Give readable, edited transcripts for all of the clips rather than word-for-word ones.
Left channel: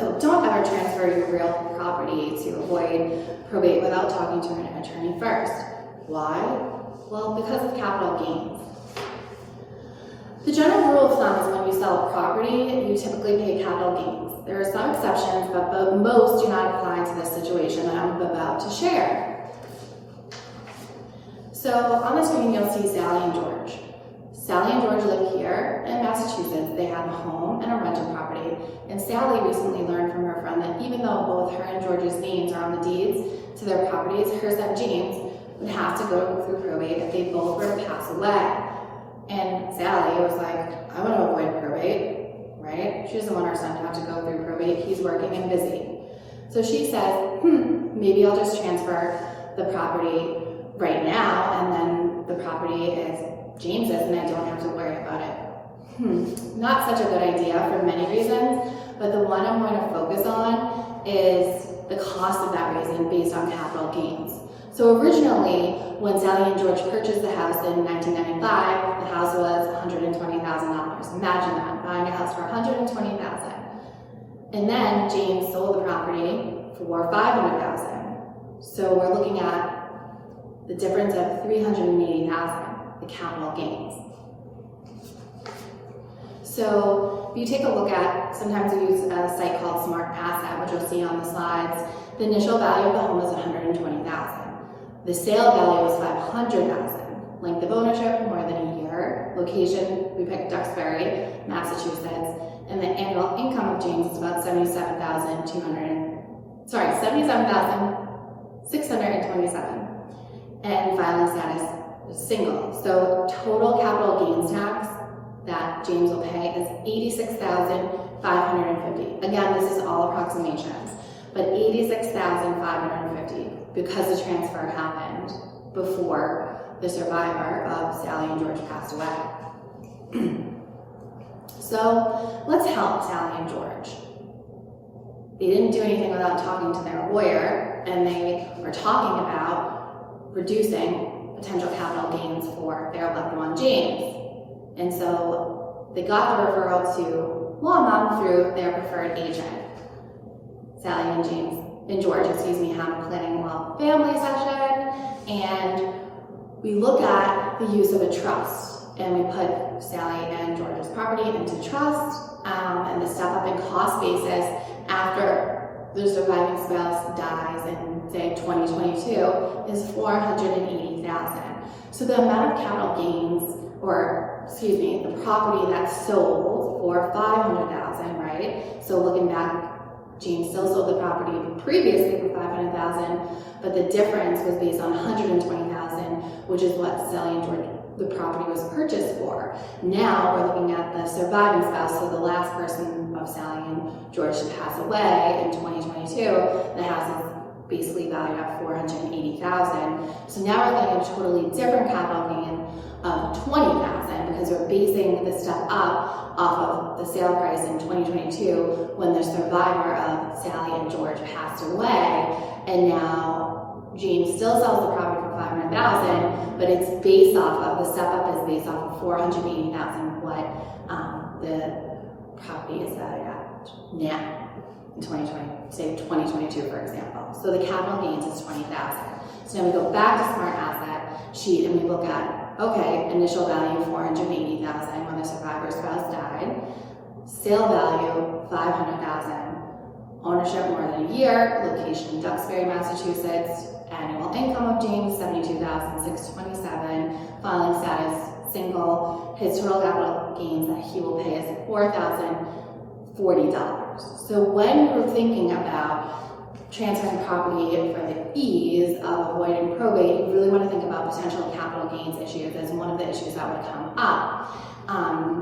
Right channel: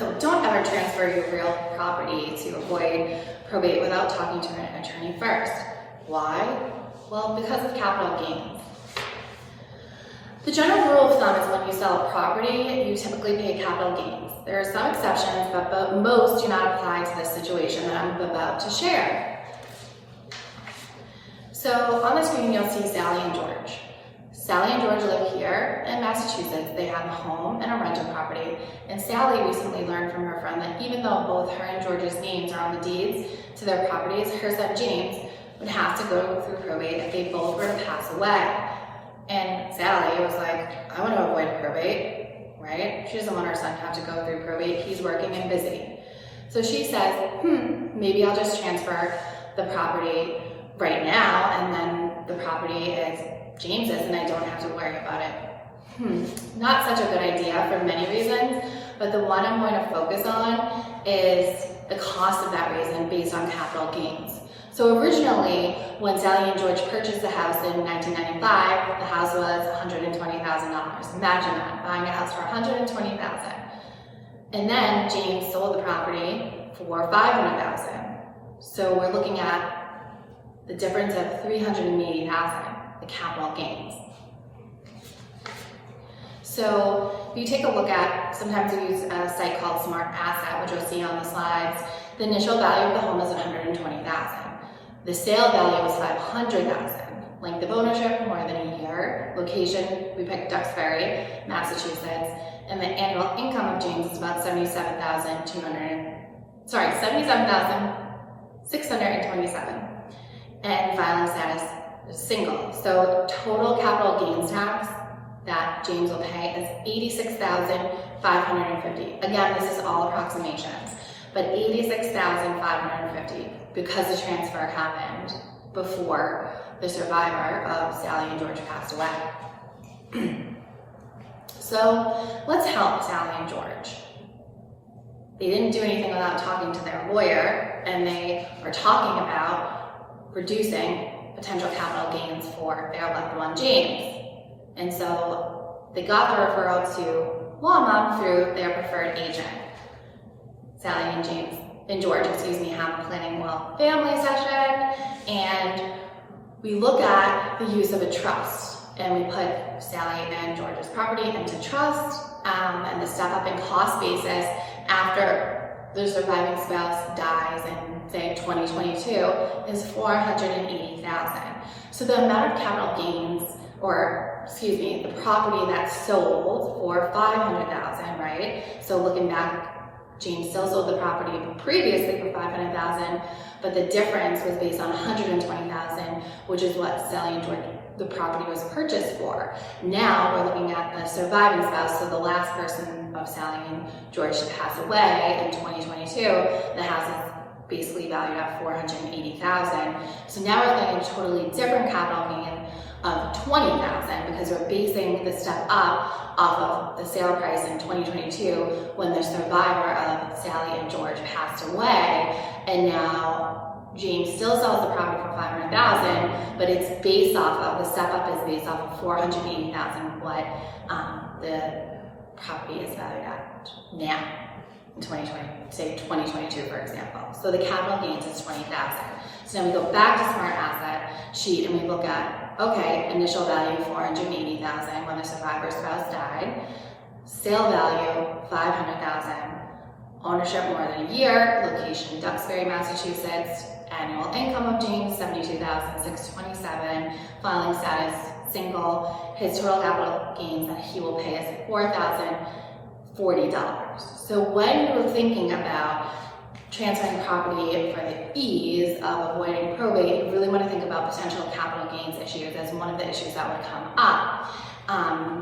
So don't ever transfer your real property to avoid probate without talking to an attorney first. Why? Well, because of capital gains. The general rule of thumb is when you sell a property, you typically pay capital gains. There are some exceptions, but most do not apply to this situation that I'm about to share. So on the screen, you'll see Sally and George. Sally and George live here in Massachusetts. They have a home and a rental property. And Sally recently learned from her friend that even though both her and George's names are on the deeds to their properties, her son James would have to go through probate if they both were to pass away. And Sally was like, I want to avoid probate, right? She doesn't want her son to have to go through probate. He's working and busy. So she says, maybe I'll just transfer the property right now, and then the property is James's and I don't have to worry about it. Not such a good idea for many reasons, but the one I'm going to focus on is the cost of that reason based on capital gains. So originally, when Sally and George purchased the house in 1995, the house was $120,000. Imagine that, buying a house for $120,000. And then James sold the property for $500,000. So we're looking at the difference of $380,000, the capital gains. So if you take a look at, sometimes we use a site called Smart Asset, which you'll see on the slides. The initial value of the home is $120,000. The sale value was $500,000. Length of ownership, more than a year. Location, we picked Duxbury, Massachusetts. And the annual income of James is about $77,627. And filing status is single. So total capital gains tax that James will pay is $86,550. Again, this is all approximations, but $86,550 because the transfer happened before the survivor of Sally and George passed away. So let's help Sally and George. They didn't do anything without talking to their lawyer, and they are talking about reducing potential capital gains for their loved one, James. And so they got the referral to Law Mom through their preferred agent. Sally and George, have a planning well family session, and we look at the use of a trust, and we put Sally and George's property into trust, and the step up in cost basis after the surviving spouse dies in, say, 2022 is $480,000. So the amount of capital gains, the property that's sold for $500,000, right? So looking back, James still sold the property previously for $500,000, but the difference was based on $120,000, which is what Sally and George, the property was purchased for. Now we're looking at the surviving spouse, so the last person of Sally and George to pass away in 2022, the house is basically valued at $480,000. So now we're getting a totally different capital gain of $20,000 because we're basing the step up off of the sale price in 2022 when the survivor of Sally and George passed away, and now James still sells the property for $500,000, but it's based off of, the step up is based off of $480,000, what the property is valued at now in 2022, for example. So the capital gains is $20,000. So now we go back to Smart Asset sheet and we look at, okay, initial value $480,000 when the survivor's spouse died, sale value $500,000, ownership more than a year, location Duxbury, Massachusetts, annual income of James $72,627, filing status single, his total capital gains that he will pay is $4,040. So when you're thinking about transferring property for the ease of avoiding probate, you really want to think about potential capital gains issues as one of the issues that would come up.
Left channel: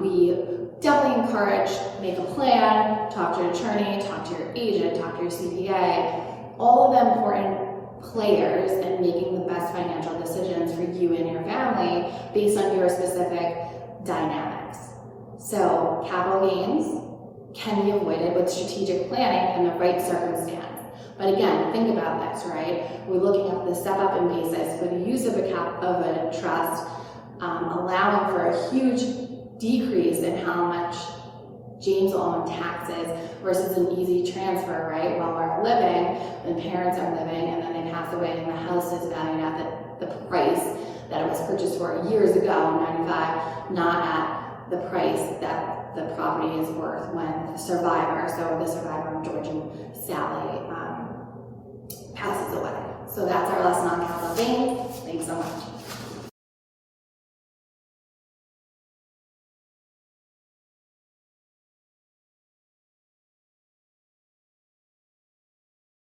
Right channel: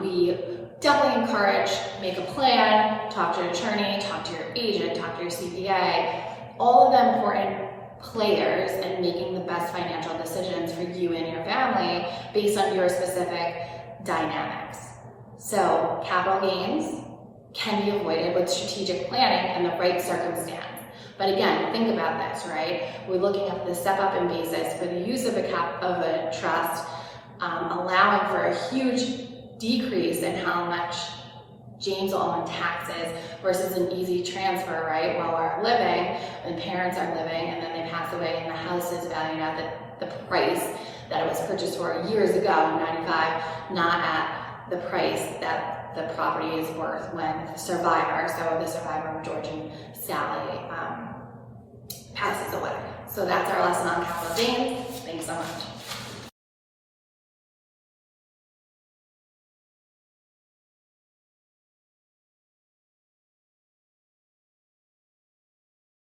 We definitely encourage, make a plan, talk to your attorney, talk to your agent, talk to your CPA, all of the important players in making the best financial decisions for you and your family based on your specific dynamics. So capital gains can be avoided with strategic planning and the right circumstance. But again, think about this, right? We're looking at the step up in basis for the use of a trust, allowing for a huge decrease in how much James will owe in taxes versus an easy transfer, right? While we're living, and parents are living, and then they pass away, and the house is valued at the price that it was purchased for years ago in '95, not at the price that the property is worth when the survivor, so the survivor, George and Sally, passes away. So that's our lesson on capital gains. Thanks so much.